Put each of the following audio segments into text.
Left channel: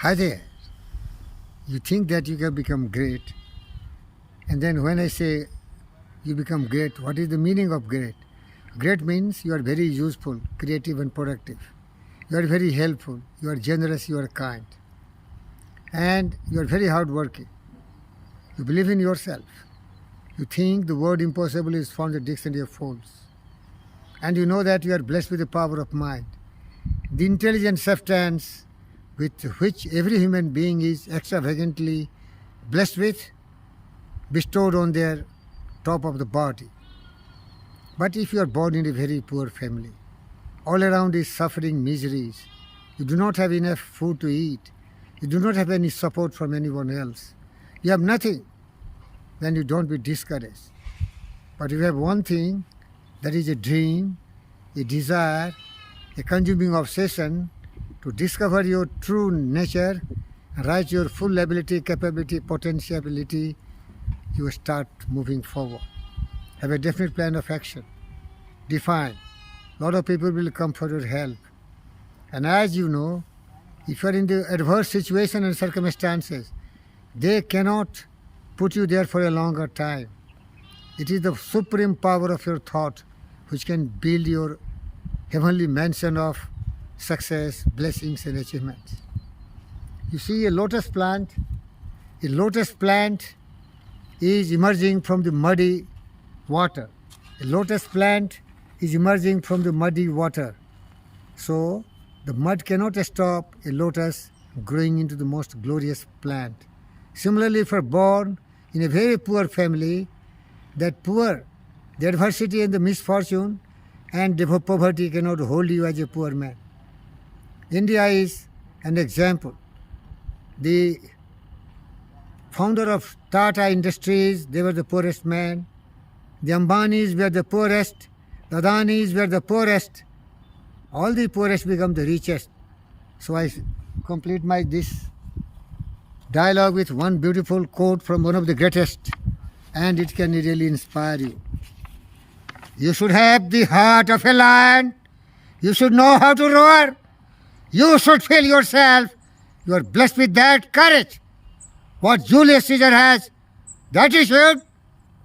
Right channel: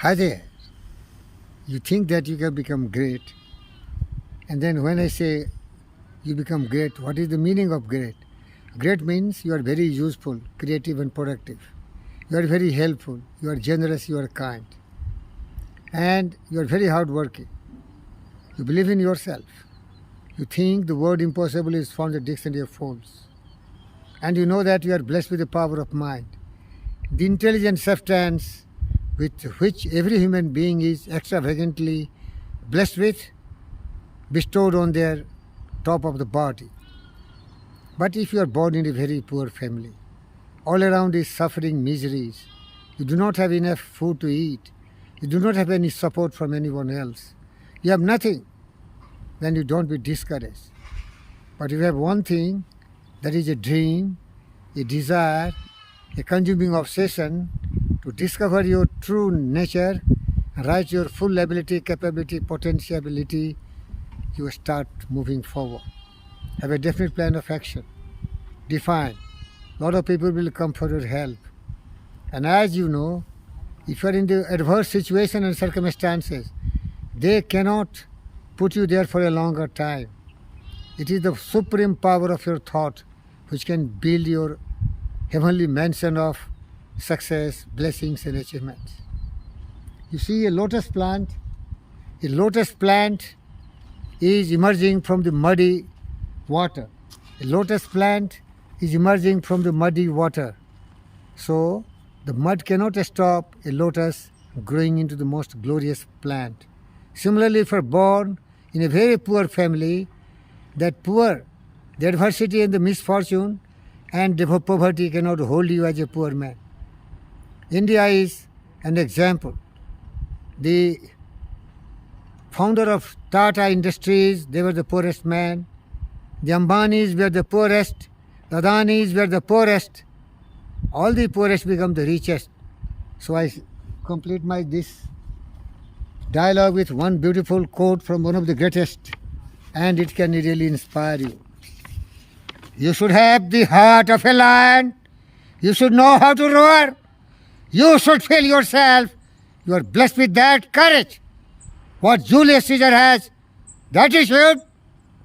Hi there. You think that you can become great, and then when I say you become great, what is the meaning of great? Great means you are very useful, creative, and productive. You are very helpful, you are generous, you are kind, and you are very hardworking. You believe in yourself. You think the word impossible is found in the dictionary of fools. And you know that you are blessed with the power of mind, the intelligent substance with which every human being is extravagantly blessed with, bestowed on their top of the body. But if you are born in a very poor family, all around is suffering, miseries, you do not have enough food to eat, you do not have any support from anyone else, you have nothing, then you don't be discouraged. But if you have one thing, that is a dream, a desire, a consuming obsession to discover your true nature, reach your full ability, capability, potentiality, you start moving forward. Have a definite plan of action. Define. A lot of people will come for your help. And as you know, if you are in the adverse situation and circumstances, they cannot put you there for a longer time. It is the supreme power of your thought which can build your heavenly mansion of success, blessings, and achievements. You see a lotus plant is emerging from the muddy water. A lotus plant is emerging from the muddy water. So the mud cannot stop a lotus growing into the most glorious plant. Similarly, if you are born in a very poor family, the adversity and the misfortune and the poverty cannot hold you as a poor man. India is an example. The founder of Tata Industries, they were the poorest man. The Ambanis were the poorest. The Adanis were the poorest. All the poorest become the richest. So I complete this dialogue with one beautiful quote from one of the greatest, and it can really inspire you. You should have the heart of a lion. You should know how to roar. You should feel yourself. You are blessed with that courage. What Julius Caesar has, that you should.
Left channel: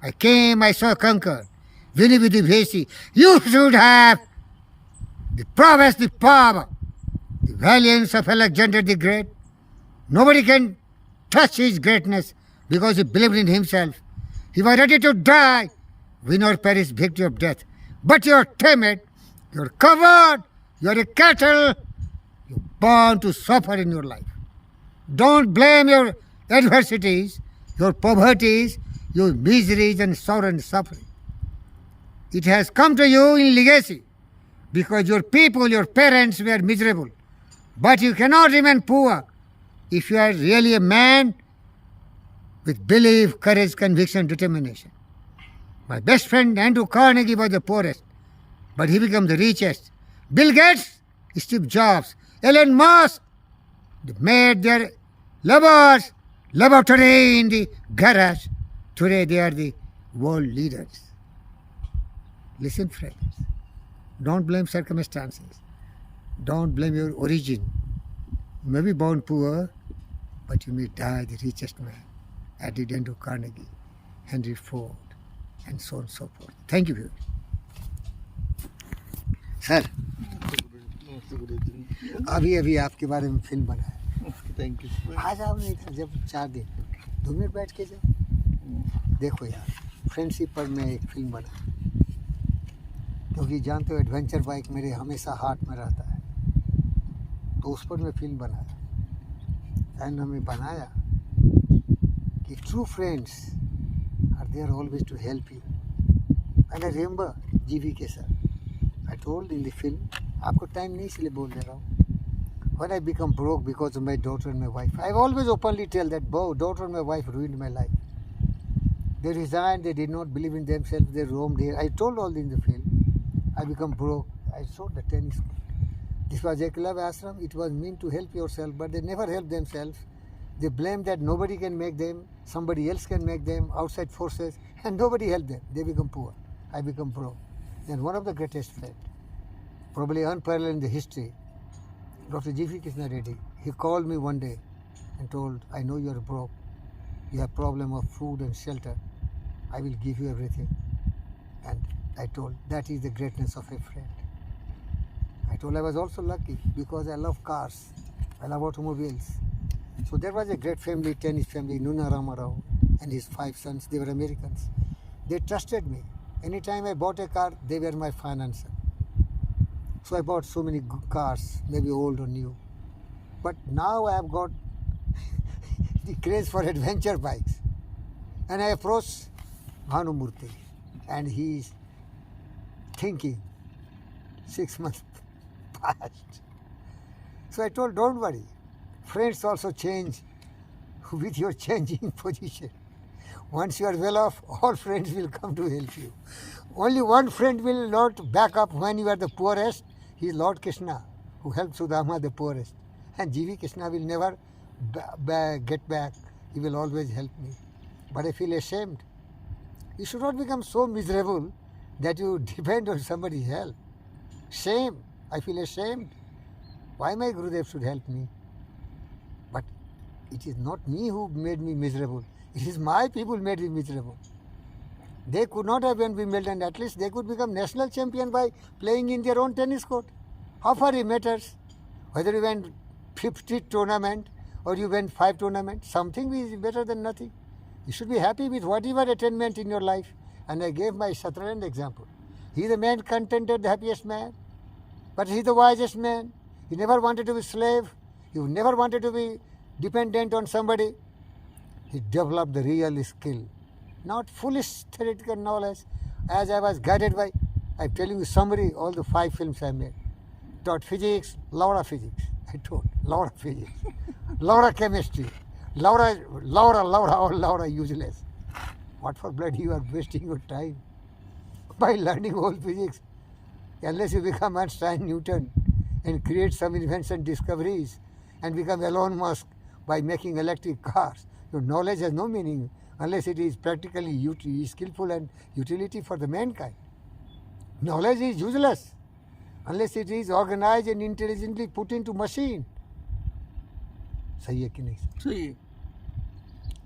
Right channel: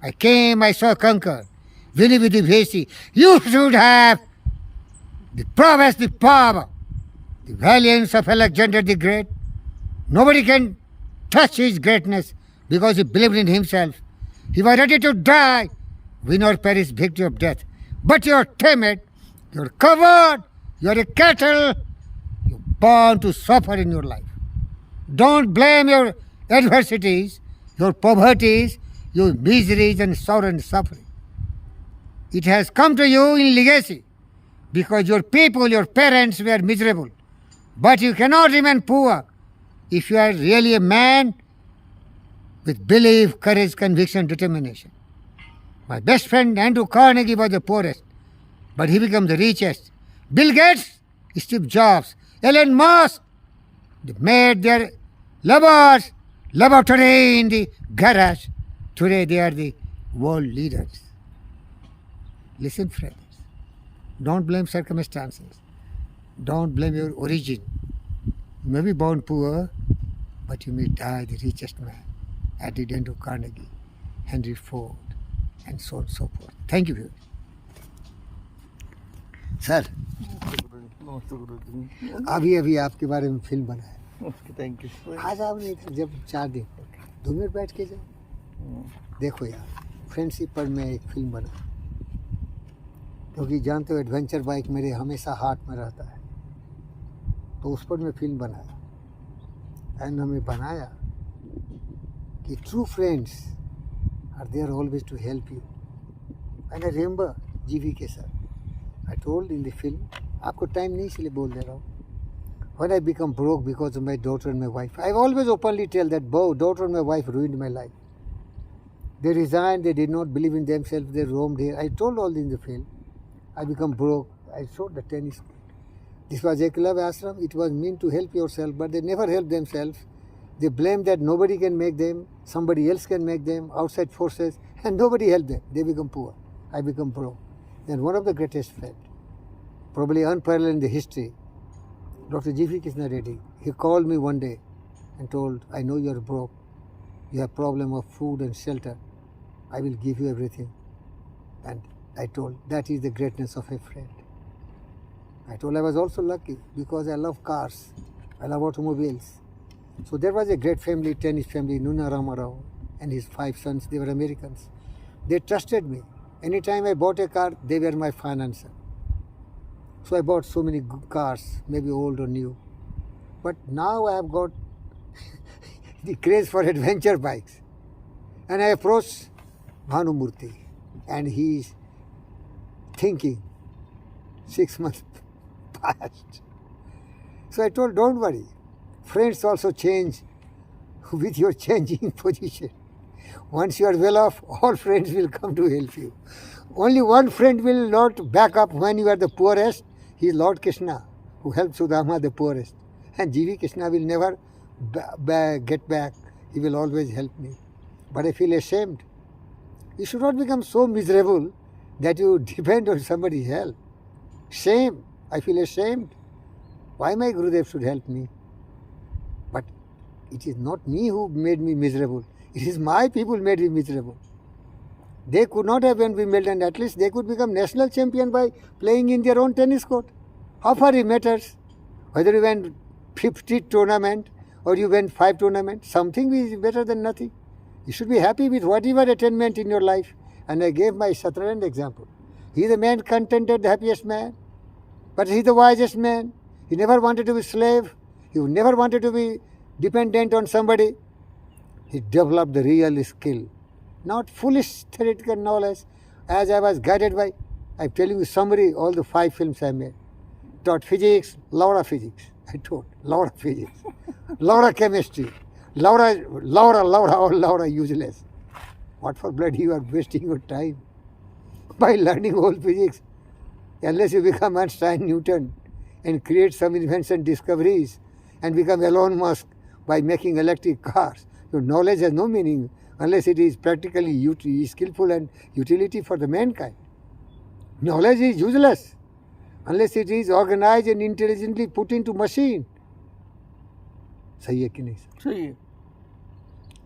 I came, I saw, conquer. Vini Vidi Vesi. You should have the prowess, the power, the valiance of Alexander the Great. Nobody can touch his greatness because he believed in himself. He was ready to die, win or perish, victory of death. But you're timid, you're covered, you're a cattle, you're born to suffer in your life. Don't blame your adversities, your poverties, your miseries and sorrow and suffering. It has come to you in legacy because your people, your parents were miserable. But you cannot remain poor if you are really a man with belief, courage, conviction, determination. My best friend Andrew Carnegie was the poorest, but he became the richest. Bill Gates, Steve Jobs, Elon Musk, they made their laboratory in the garage. Today they are the world leaders. Listen, friends, don't blame circumstances. Don't blame your origin. You may be born poor, but you may die the richest man. Added Andrew Carnegie, Henry Ford, and so on and so forth. Thank you. Sir अभी आपके बारे में film बना है. Thank you. आज आपने जब 4 दिन 2 मिनट बैठ के जाओ, देखो यार, फ्रेंडशिप पर मैं एक फिल्म बना, क्योंकि जानते हो एडवेंचर बाइक मेरे हमेशा हाथ में रहता है, तो उस पर मैं फिल्म बनाया. एंड हमें बनाया कि true friends are there always to help you. And I remember GV के sir, I told in the film, आपको टाइम नहीं इसलिए बोल दे रहा हूँ. When I become broke because of my daughter and my wife, I always openly tell that daughter and my wife ruined my life. They resigned, they did not believe in themselves, they roamed here. I told all in the film. I become broke. I showed the tennis. This was Ekalav Ashram. It was meant to help yourself, but they never help themselves. They blame that nobody can make them, somebody else can make them, outside forces, and nobody helped them. They become poor. I become broke. Then one of the greatest friends, probably unparalleled in the history, Dr. G.V. Krishna Reddy, He called me one day and told, I know you're broke. You have problem of food and shelter. I will give you everything. And I told, that is the greatness of a friend. I told I was also lucky because I love cars. I love automobiles. So there was a great family, tennis family, Nuna Ramarao and his 5 sons. They were Americans. They trusted me. Anytime I bought a car, they were my financer. So I bought so many good cars, maybe old or new. But now I have got the craze for adventure bikes. And I approached Bhanumurthy and he's thinking 6 months passed. So I told, don't worry. Friends also change with your changing position. Once you are well off, all friends will come to help you. Only one friend will not back up when you are the poorest. He is Lord Krishna, who helped Sudama the poorest. And G.V. Krishna will never get back. He will always help me. But I feel ashamed. You should not become so miserable that you depend on somebody's help. Shame. I feel ashamed. Why my Gurudev should help me? But it is not me who made me miserable. It is my people made me miserable. They could not have been female, and at least they could become national champion by playing in their own tennis court. How far it matters? Whether you went 50 tournament or you went 5 tournaments, something is better than nothing. You should be happy with whatever attainment in your life. And I gave my Satarand example. He is the man contented, the happiest man. But he is the wisest man. He never wanted to be slave. He never wanted to be dependent on somebody. He developed the real skill. Not foolish theoretical knowledge. As I was guided by, I'm telling you summary, all the 5 films I made. Taught physics, Laura physics. I told, Laura physics. Laura chemistry. Laura, all Laura useless. What for blood you are wasting your time by learning all physics? Unless you become Einstein, Newton and create some invention discoveries and become Elon Musk by making electric cars. Your knowledge has no meaning unless it is practically skillful and utility for the mankind. Knowledge is useless unless it is organized and intelligently put into machine. सही है कि नहीं? सही है.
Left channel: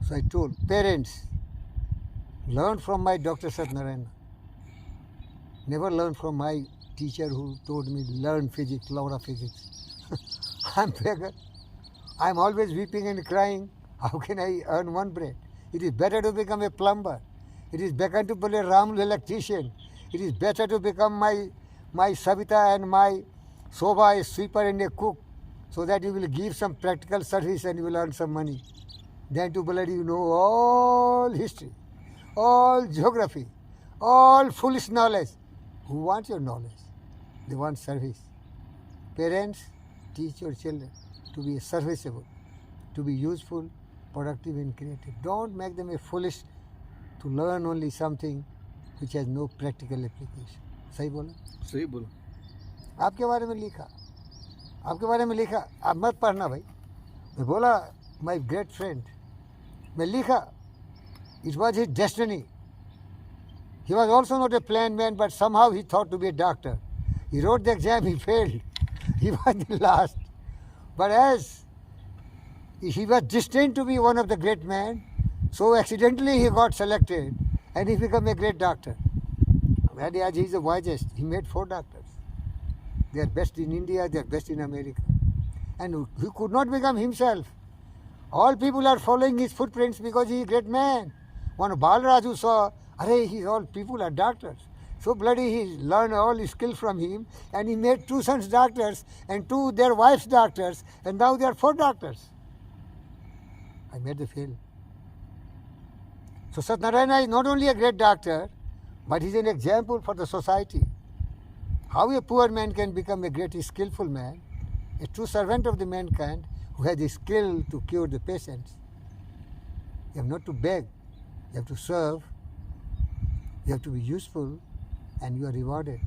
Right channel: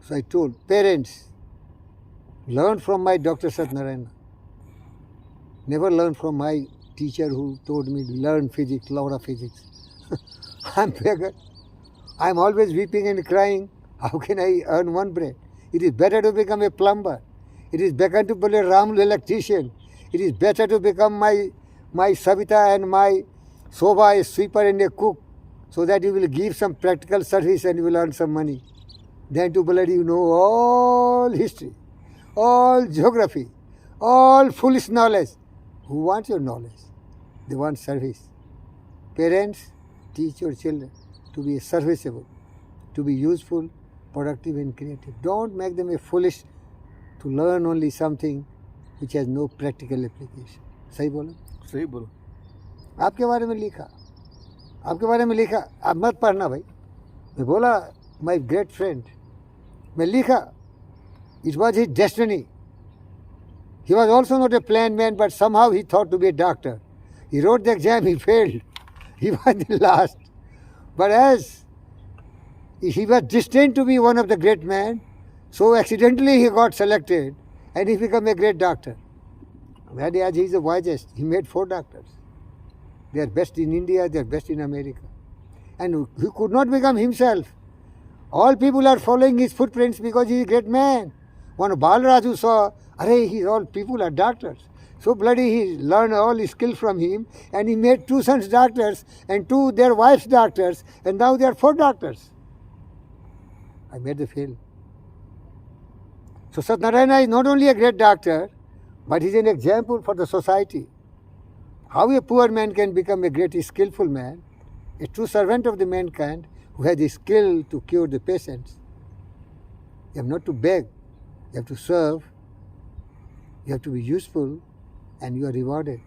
So I told parents, learn from my Dr. Satnarayana. Never learn from my teacher who told me learn physics, Laura physics. I'm beggar. I'm always weeping and crying. How can I earn one bread? It is better to become a plumber. It is better to be a Ramul electrician. It is better to become my Savita and my Soba, a sweeper and a cook, so that you will give some practical service and you will earn some money. Then to bloody know all history, all geography, all foolish knowledge. Who wants your knowledge? They want service. Parents, teach your children to be serviceable, to be useful, productive and creative. Don't make them a foolish to learn only something which has no practical application. सही बोला? सही बोला. आपके बारे में लिखा, आपके बारे में लिखा. आप मत पढ़ना भाई. मैं बोला my great friend. मैं लिखा. It was his destiny. He was also not a planned man, but somehow he thought to be a doctor. He wrote the exam, he failed. He was the last. But as he was destined to be one of the great men, so accidentally he got selected and he became a great doctor. That as he is the wisest, he made 4 doctors. They are best in India, they are best in America. And he could not become himself. All people are following his footprints because he is a great man. One Balraju saw, all people are doctors. So bloody he learned all his skill from him and he made 2 sons doctors and 2 their wives doctors and now they are 4 doctors. I made the film. So Satnarayana is not only a great doctor, but he is an example for the society. How a poor man can become a great skillful man, a true servant of the mankind who has the skill to cure the patients. You have not to beg, you have to serve, you have to be useful, and you are rewarded.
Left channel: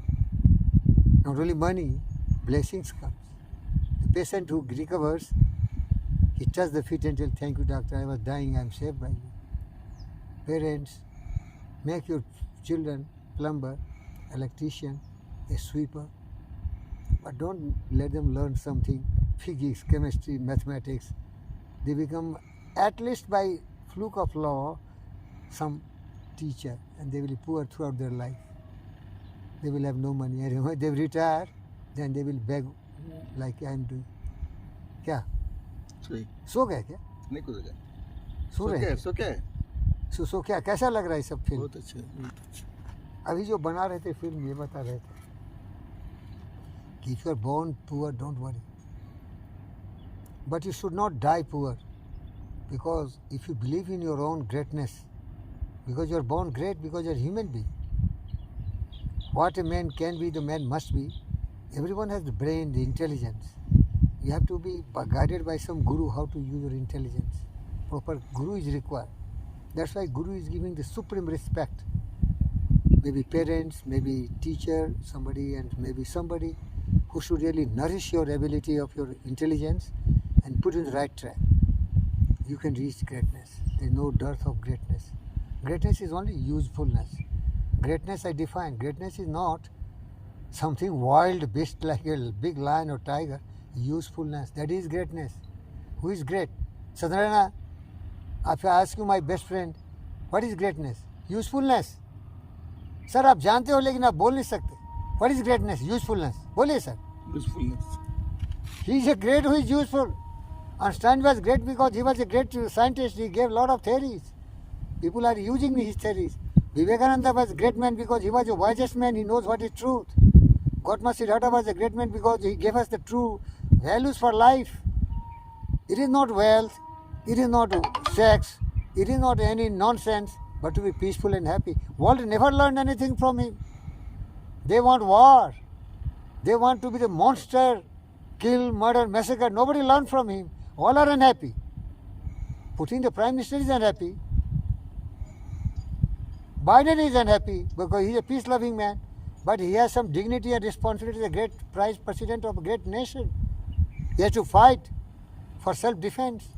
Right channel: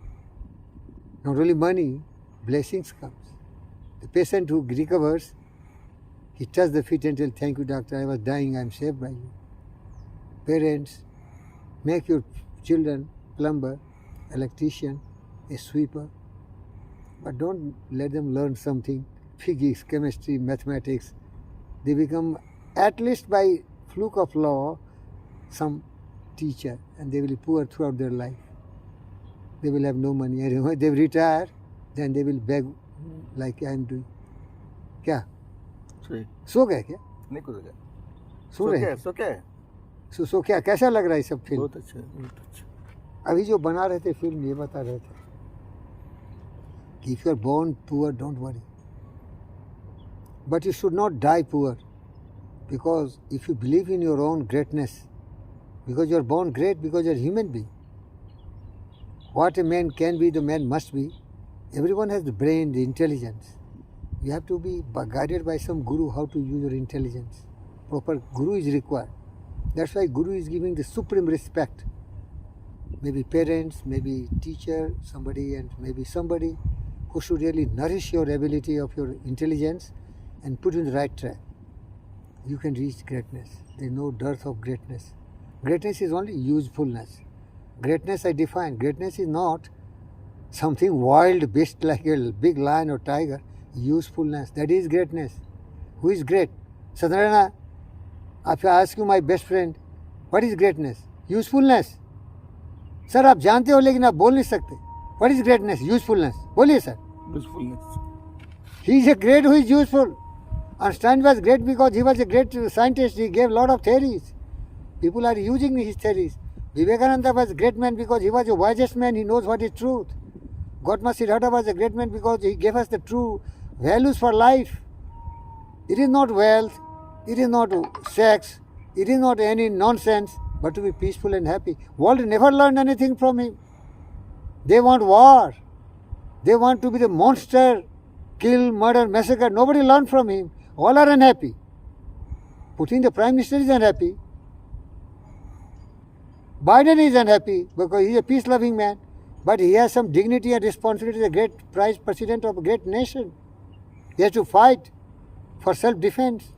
Not only money, blessings comes. The patient who recovers, he touches the feet and tells, thank you doctor, I was dying, I am saved by you. Parents, make your children plumber, electrician, a sweeper, but don't let them learn something physics, chemistry, mathematics. They become, at least by fluke of law, some teacher, and they will be poor throughout their life. They will have no money. And when they retire, then they will beg like I am doing. क्या? सो गए क्या? नहीं कुछ है। सो रहे? सो क्या? कैसा लग रहा है सब फिल्म? बहुत अच्छा, बहुत अच्छा। अभी जो बना रहे थे फिल्म, ये बता रहे थे कि if you are born poor, don't worry. But you should not die poor, because if you believe in your own greatness, because you are born great, because you are a human being. What a man can be, the man must be. Everyone has the brain, the intelligence. You have to be guided by some guru how to use your intelligence. Proper guru is required. That's why guru is giving the supreme respect. Maybe parents, maybe teacher, somebody, and maybe somebody who should really nourish your ability of your intelligence and put in the right track. You can reach greatness. There is no dearth of greatness. Greatness is only usefulness. Greatness I define. Greatness is not something wild beast like a big lion or tiger. Usefulness. That is greatness. Who is great? Sadarana, if I ask you, my best friend, what is greatness? Usefulness. Sir आप जानते हो लेकिन आप बोल नहीं सकते. What is greatness? Usefulness. बोलिए sir. Usefulness. He is a great who is useful. Einstein was great because he was a great scientist. He gave a lot of theories. People are using his theories. Vivekananda was a great man because he was the wisest man. He knows what is truth. Gautama Siddhartha was a great man because he gave us the true values for life. It is not wealth. It is not sex. It is not any nonsense, but to be peaceful and happy. World never learned anything from him. They want war. They want to be the monster, kill, murder, massacre. Nobody learned from him. All are unhappy. Putin, the Prime Minister, is unhappy. Biden is unhappy because he is a peace-loving man. But he has some dignity and responsibility as a great Vice President of a great nation. He has to fight for self-defense.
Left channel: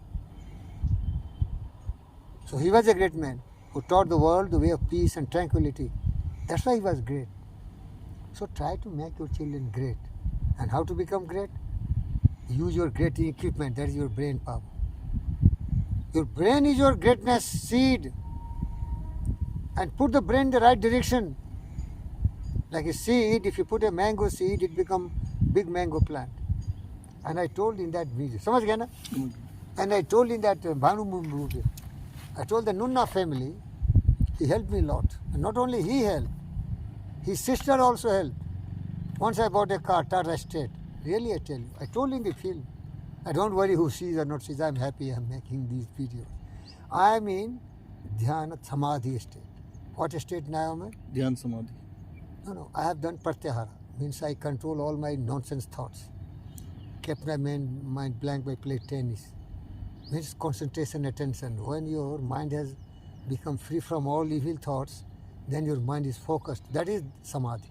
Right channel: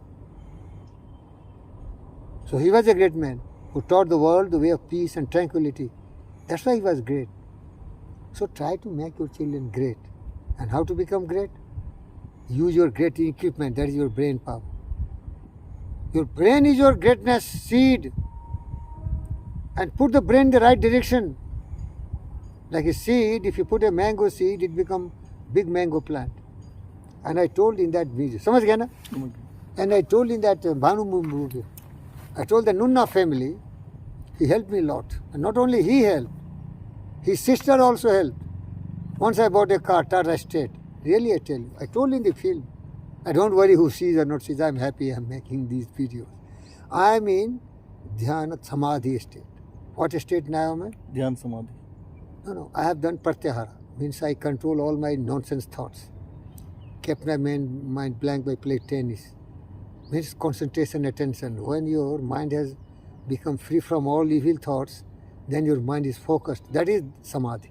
So he was a great man who taught the world the way of peace and tranquility. That's why he was great. So try to make your children great. And how to become great? Use your great equipment, that is your brain power. Your brain is your greatness seed. And put the brain in the right direction. Like a seed, if you put a mango seed, it becomes big mango plant. And I told in that video, समझ गया ना? And I told in that Bhanu movie, I told the Nunna family, he helped me a lot. And not only he helped, his sister also helped. Once I bought a car, Tata Estate. Really, I tell you. I told in the film. I don't worry who sees or not sees. I'm happy I'm making these videos. I'm in Dhyana Samadhi Estate. What estate now am I? Dhyan Samadhi. No, I have done Pratyahara. Means I control all my nonsense thoughts. Kept my mind blank by playing tennis. Means concentration, attention. When your mind has become free from all evil thoughts, then your mind is focused. That is Samadhi.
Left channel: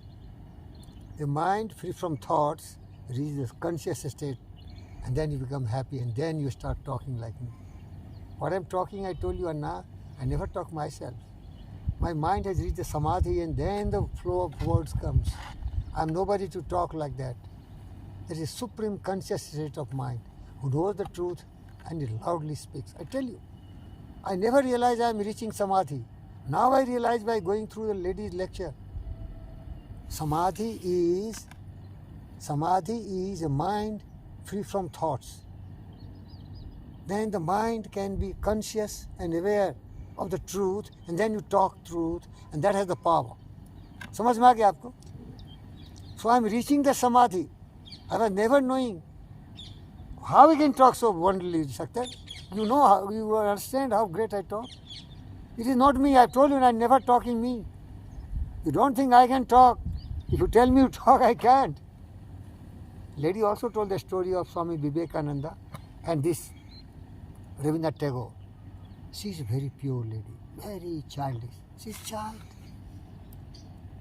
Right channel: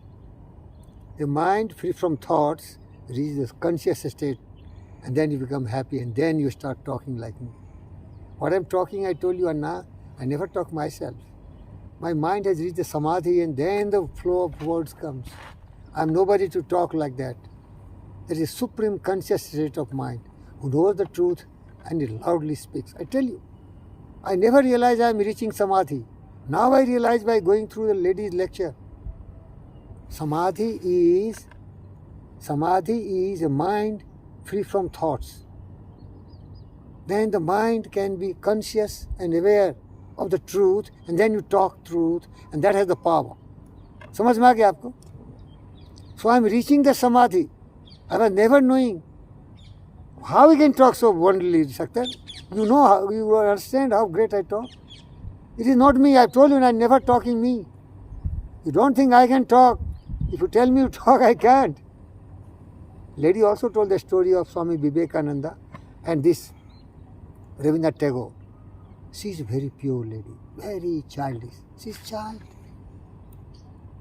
The mind free from thoughts reaches the conscious state, and then you become happy, and then you start talking like me. What I'm talking, I told you, Anna, I never talk myself. My mind has reached the Samadhi, and then the flow of words comes. I'm nobody to talk like that. There is supreme conscious state of mind who knows the truth and it loudly speaks. I tell you, I never realized I'm reaching Samadhi. Now I realize by going through the ladies' lecture. Samadhi is a mind free from thoughts. Then the mind can be conscious and aware of the truth, and then you talk truth, and that has the power. समझ में आ गया आपको? So I'm reaching the Samadhi. I was never knowing how we can talk so wonderfully, Shakhtar. You know how, you understand how great I talk. It is not me. I told you I'm never talking me. You don't think I can talk. If you tell me to talk, I can't. Lady also told the story of Swami Vivekananda and this Rabindranath Tagore. She's a very pure lady, very childish. She's child.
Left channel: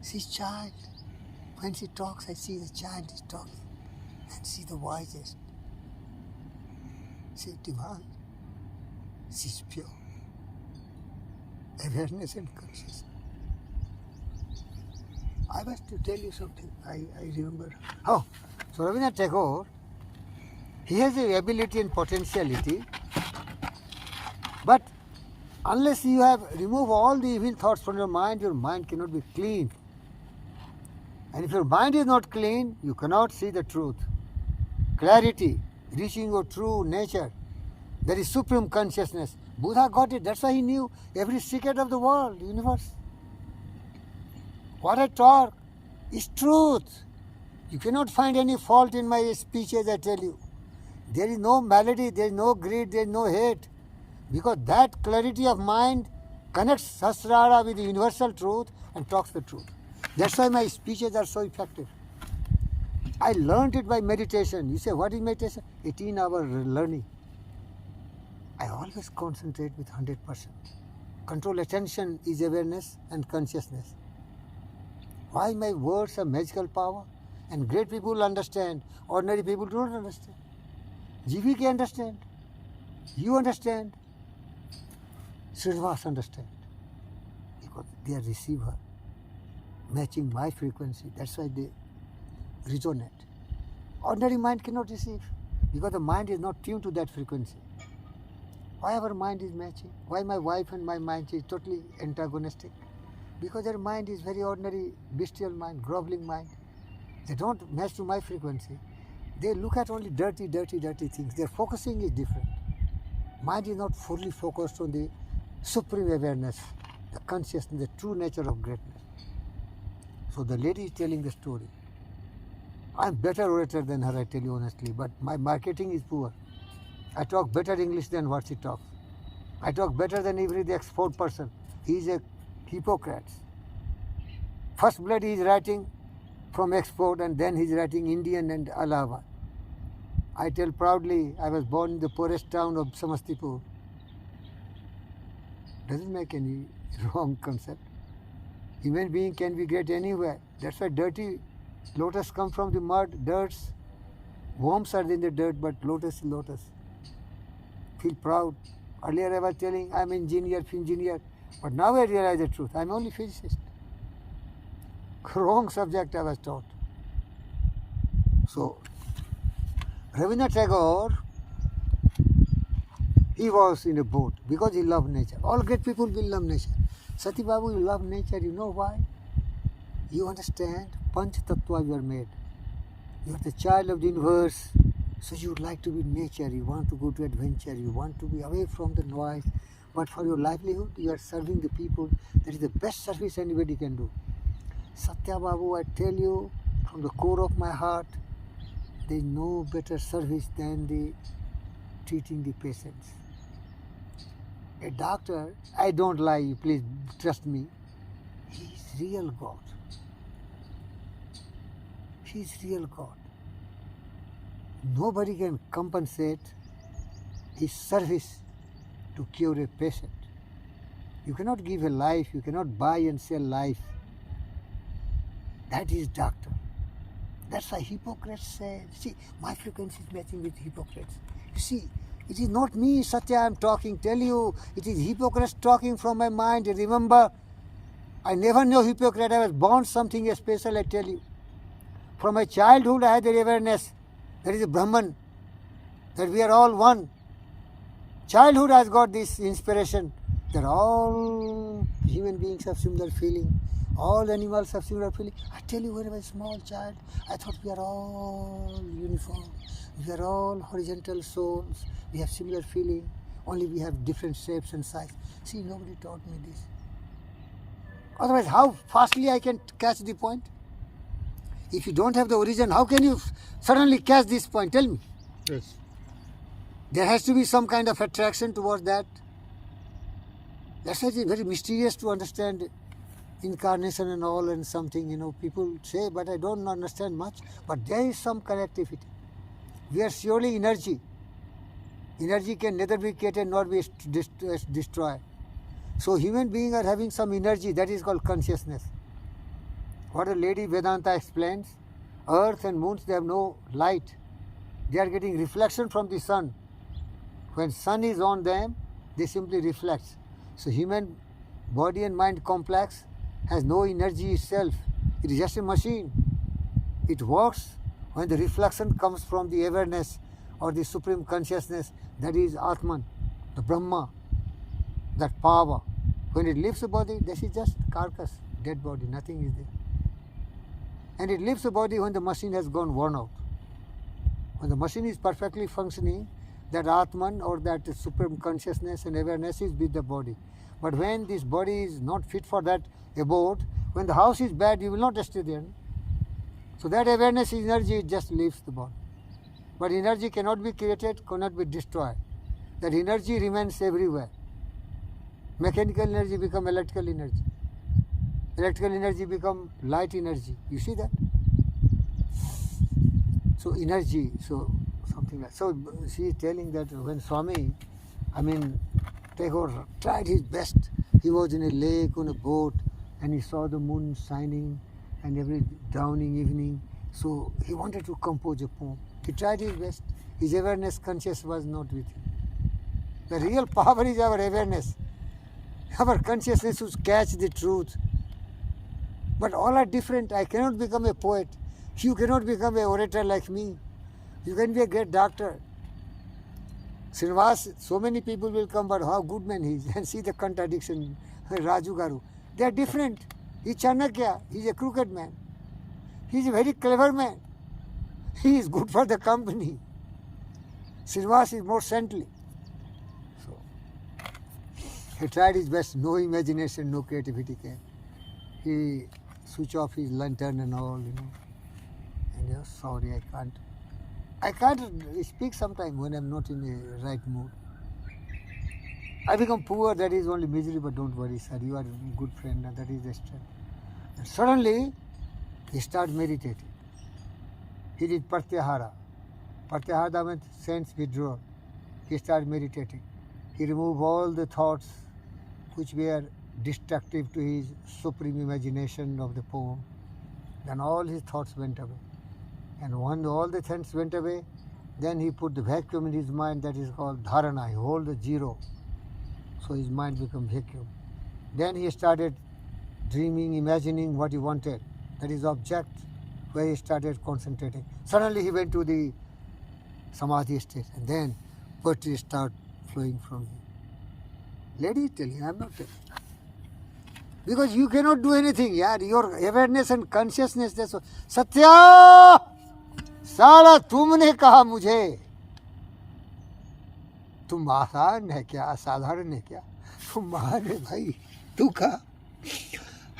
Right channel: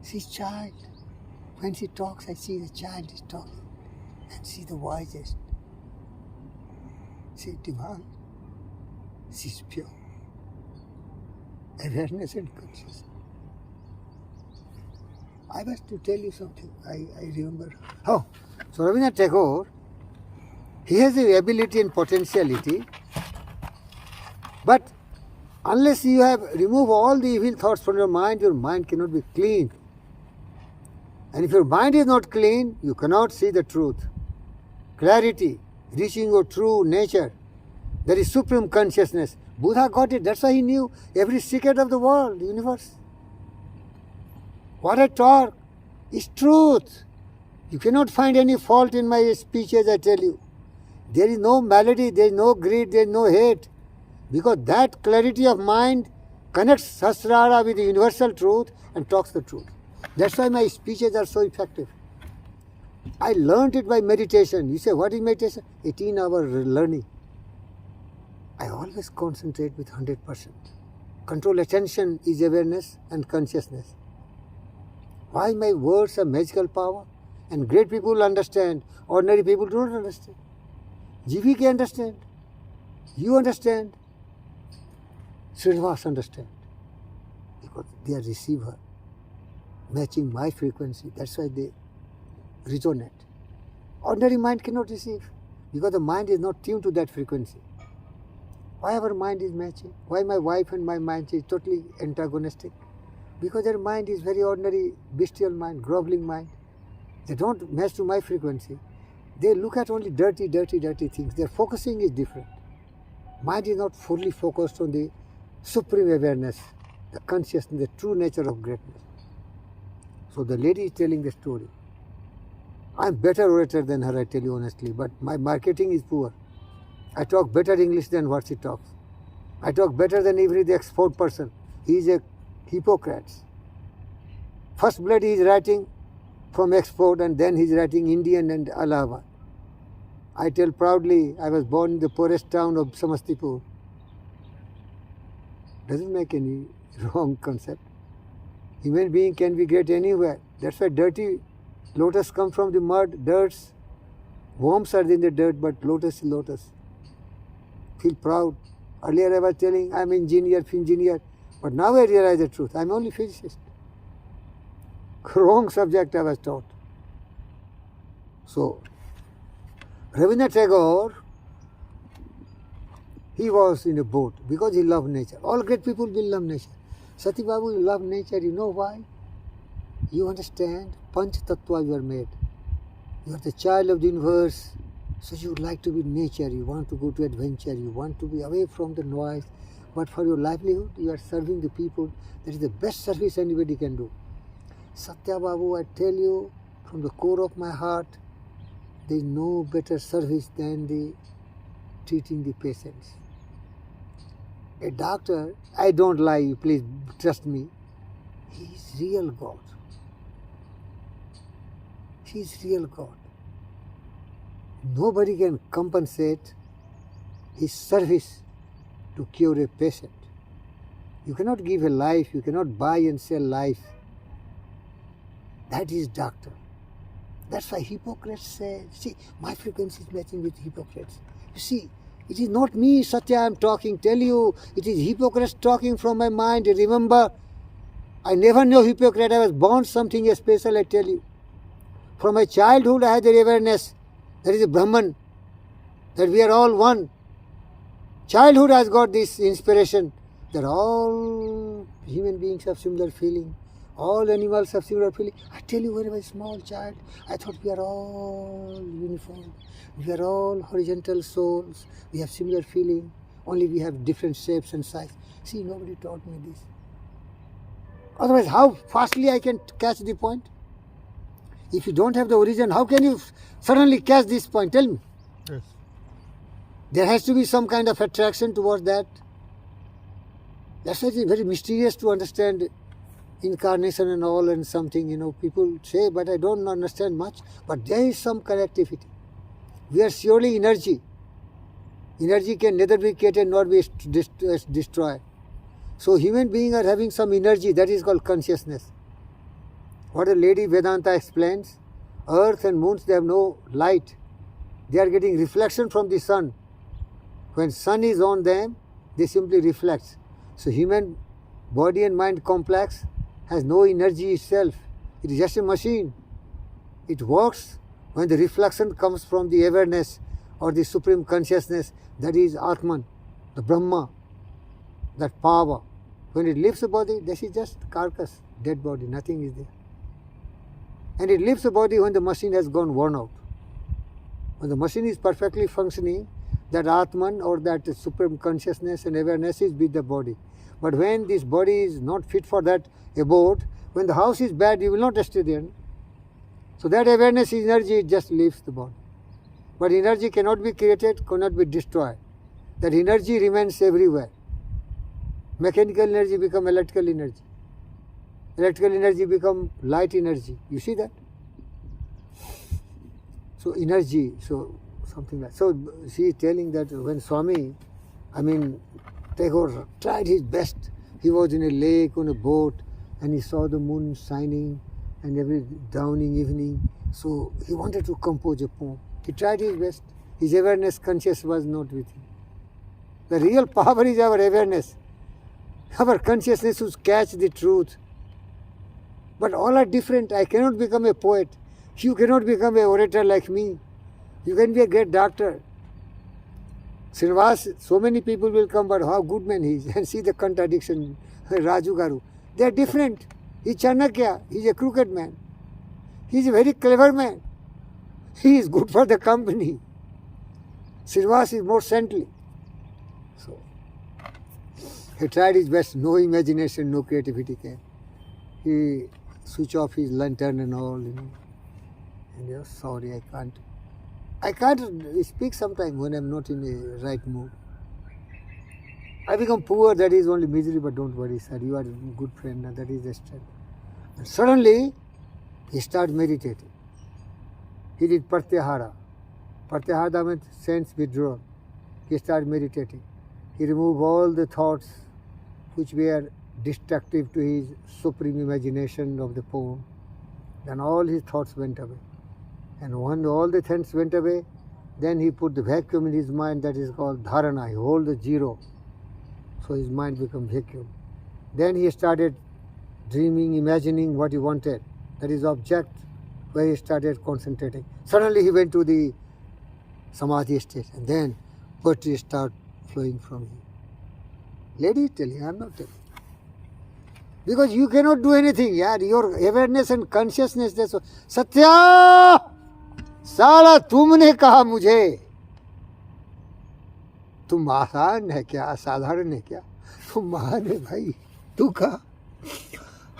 She's child. When she talks, I see the child is talking. And she's the wisest. She's divine. She's pure. Awareness and consciousness. I was to tell you something. I remember. Oh, so Rabindranath Tagore, He has the ability and potentiality, but unless you have removed all the evil thoughts from your mind cannot be clean. And if your mind is not clean, you cannot see the truth. Clarity, reaching your true nature, that is supreme consciousness. Buddha got it. That's why he knew every secret of the world, the universe. What I talk is truth. You cannot find any fault in my speeches, I tell you. There is no malady, there is no greed, there is no hate. Because that clarity of mind connects Sahasrara with the universal truth and talks the truth. That's why my speeches are so effective. I learned it by meditation. You say, what is meditation? 18-hour learning. I always concentrate with 100%. Control attention is awareness and consciousness. Why my words have magical power? And great people understand. Ordinary people do not understand. GVK understand. You understand. Srinivas understand. Because they are receiver. Matching my frequency. That's why they resonate. Ordinary mind cannot receive. Because the mind is not tuned to that frequency. Why our mind is matching? Why my wife and my mind is totally antagonistic? Because their mind is very ordinary, bestial mind, groveling mind. They don't match to my frequency. They look at only dirty things. Their focusing is different. Mind is not fully focused on the supreme awareness, the consciousness, the true nature of greatness. So the lady is telling the story. I'm better orator than her, I tell you honestly, but my marketing is poor. I talk better English than what she talks. I talk better than every the export person. He is a Hippocrates. First blood he is writing from export and then he is writing Indian and Allahabad. I tell proudly, I was born in the poorest town of Samastipur. Doesn't make any wrong concept. Human being can be great anywhere. That's why dirty lotus come from the mud, dirts. Worms are in the dirt, but lotus is lotus. Feel proud. Earlier I was telling I'm engineer, but now I realize the truth. I'm only physicist. Wrong subject I was taught. So, Rabindranath Tagore, he was in a boat because he loved nature. All great people will love nature. Sati Babu, you love nature. You know why? You understand Panch Tattva you are made. You are the child of the universe. So you would like to be in nature. You want to go to adventure. You want to be away from the noise. But for your livelihood, you are serving the people. That is the best service anybody can do. Satya Babu, I tell you from the core of my heart, there is no better service than the treating the patients. A doctor, I don't lie, you please trust me, he is real God. He is real God. Nobody can compensate his service to cure a patient. You cannot give a life, you cannot buy and sell life. That is doctor. That's why Hippocrates said, see, my frequency is matching with Hippocrates. You see, it is not me, Satya, I am talking, tell you, it is Hippocrates talking from my mind. Remember, I never knew Hippocrates, I was born something special, I tell you. From my childhood I had the awareness, there is a Brahman, that we are all one. Childhood has got this inspiration that all human beings have similar feeling. All animals have similar feeling. I tell you, when I was a small child, I thought we are all uniform. We are all horizontal souls. We have similar feeling. Only we have different shapes and size. See, nobody taught me this. Otherwise, how fastly I can catch the point? If you don't have the origin, how can you suddenly catch this point? Tell me. Yes. There has to be some kind of attraction towards that. That's why it is very mysterious to understand incarnation and all and something, people say, but I don't understand much. But there is some connectivity. We are surely energy. Energy can neither be created nor be destroyed. So human beings are having some energy, that is called consciousness. What a lady Vedanta explains, earth and moons, they have no light. They are getting reflection from the sun. When sun is on them, they simply reflect. So human body and mind complex has no energy itself. It is just a machine. It works when the reflection comes from the awareness or the supreme consciousness, that is Atman, the Brahma, that power. When it leaves the body, this is just carcass, dead body, nothing is there. And it leaves the body when the machine has gone worn out. When the machine is perfectly functioning, that Atman or that supreme consciousness and awareness is with the body. But when this body is not fit for that abode, when the house is bad, you will not stay there. So that awareness energy just leaves the body. But energy cannot be created, cannot be destroyed. That energy remains everywhere. Mechanical energy become electrical energy. Electrical energy become light energy. You see that? So energy, so something like. So she is telling that when Swami, Tagore tried his best. He was in a lake on a boat and he saw the moon shining and every dawning evening. So he wanted to compose a poem. He tried his best. His awareness conscious was not with him. The real power is our awareness. Our consciousness should catch the truth. But all are different. I cannot become a poet. You cannot become an orator like me. You can be a great doctor. Srinivas, so many people will come, but how good man he is. And see the contradiction. Raju Garu. They are different. He's Chanakya. He's a crooked man. He's a very clever man. He is good for the company. Srinivas is more saintly. So, he tried his best. No imagination, no creativity came. He switched off his lantern and all, And he was sorry, I can't speak sometimes when I'm not in the right mood. I become poor, that is only misery, but don't worry, sir. You are a good friend, and that is the strength. And suddenly, he started meditating. He did Pratyahara. Pratyahara means sense withdrawal. He started meditating. He removed all the thoughts which were destructive to his supreme imagination of the poem. Then all his thoughts went away. And when all the thoughts went away, then he put the vacuum in his mind, that is called dharana. He hold the zero. So his mind became vacuum. Then he started dreaming, imagining what he wanted. That is object, where he started concentrating. Suddenly he went to the samadhi state, and then poetry started flowing from him. Lady is telling, I am not telling. Because you cannot do anything, yaar. Your awareness and consciousness, that's what. Satya! साला तुमने कहा मुझे, तुम आसान है क्या, असाधारण है क्या, तुम महान है भाई. तू कहा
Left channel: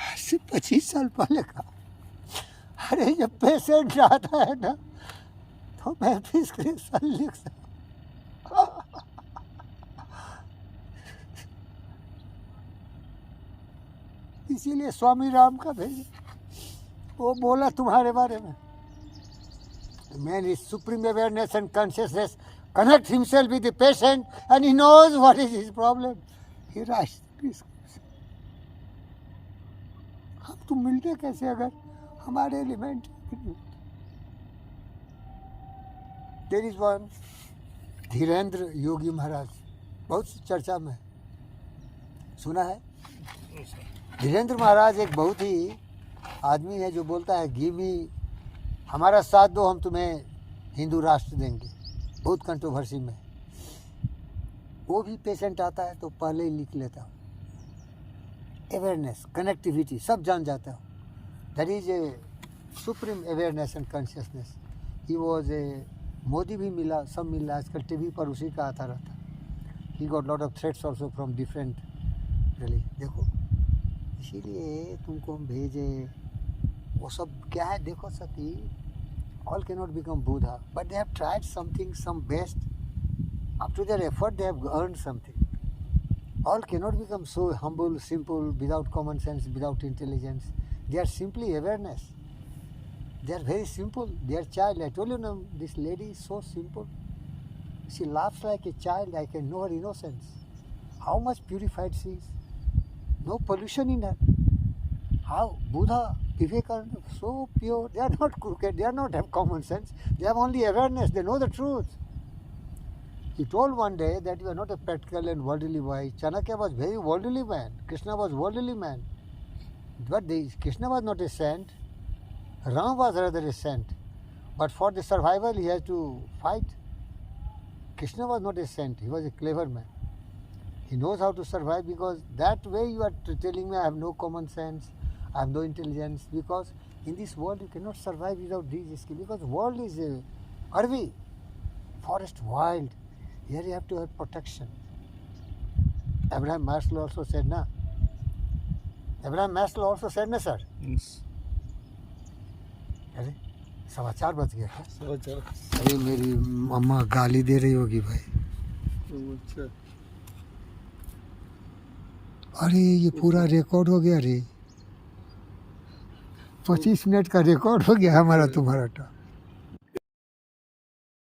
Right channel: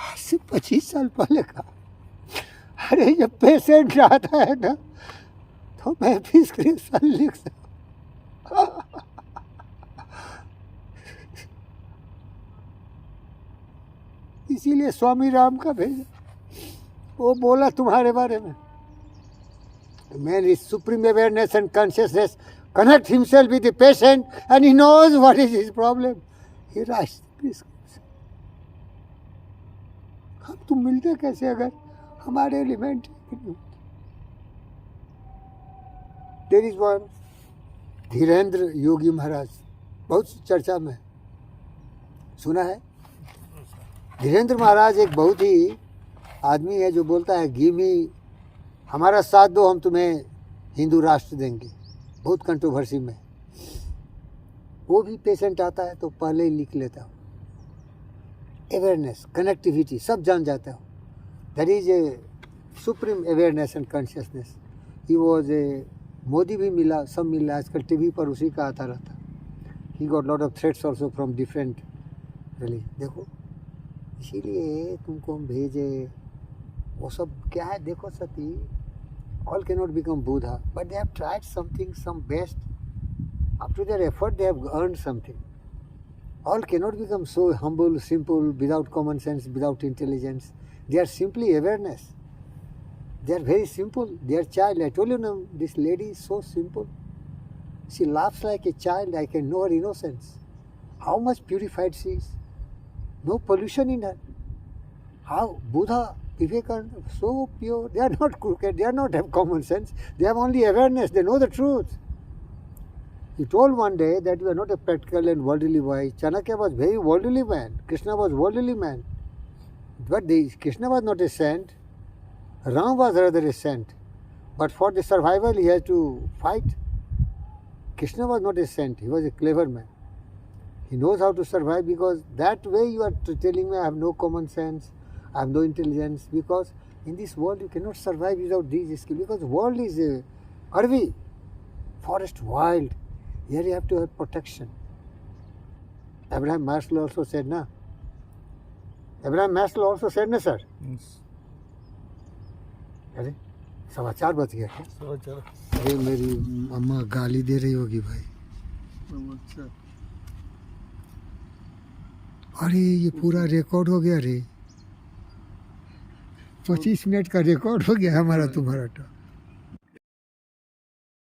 आज से 25 साल पहले कहा. अरे जब पेशेंट आता है ना, तो मैं प्रिस्क्रिप्शन लिख सकता. इसीलिए स्वामी राम का भेजा. वो बोला तुम्हारे बारे में. The man is supreme awareness and consciousness, connect himself with the patient and he knows what is his problem. He writes the prescription. हम तुम मिलते कैसे अगर हमारे element. There is one Dhirendra Yogi Maharaj, बहुत चर्चा में सुना है. धीरेन्द्र महाराज एक बहुत ही आदमी है जो बोलता है गिव मी, हमारा साथ दो, हम तुम्हें हिंदू राष्ट्र देंगे. बहुत कंट्रोवर्सी में. वो भी पेशेंट आता है तो पहले ही लिख लेता हूँ. अवेयरनेस, कनेक्टिविटी सब जान जाता हूँ. That is a supreme awareness and consciousness. He was a, Modi भी मिला, सब मिला. आजकल टीवी पर उसी का आता रहता. He got lot of threats also from different religion. देखो इसीलिए तुमको हम भेजे. वो सब क्या है देखो सती. All cannot become Buddha, but they have tried something, some best. Up to their effort, they have earned something. All cannot become so humble, simple, without common sense, without intelligence. They are simply awareness. They are very simple. They are child. I told you now, this lady is so simple. She laughs like a child. I can know her innocence. How much purified she is. No pollution in her. How Buddha, Vivekananda, so pure. They are not crooked. They are not have common sense. They have only awareness. They know the truth. He told one day that you are not a practical and worldly boy. Chanakya was very worldly man. Krishna was worldly man. But Krishna was not a saint. Ram was rather a saint. But for the survival, he has to fight. Krishna was not a saint, he was a clever man. He knows how to survive, because that way you are telling me I have no common sense, I have no intelligence, because in this world you cannot survive without these skills, because world is Arvi, forest wild. Here you have to have protection. Abraham Maslow also said, na? Abraham Maslow also said, na, sir? Yes. अरे 4:15 बज गया क्या? 4:15. अरे मेरी अम्मा गाली दे रही होगी भाई. अच्छा. अरे ये पूरा रिकॉर्ड हो गया रे. 25 मिनट का रिकॉर्ड हो गया हमारा तुम्हारा.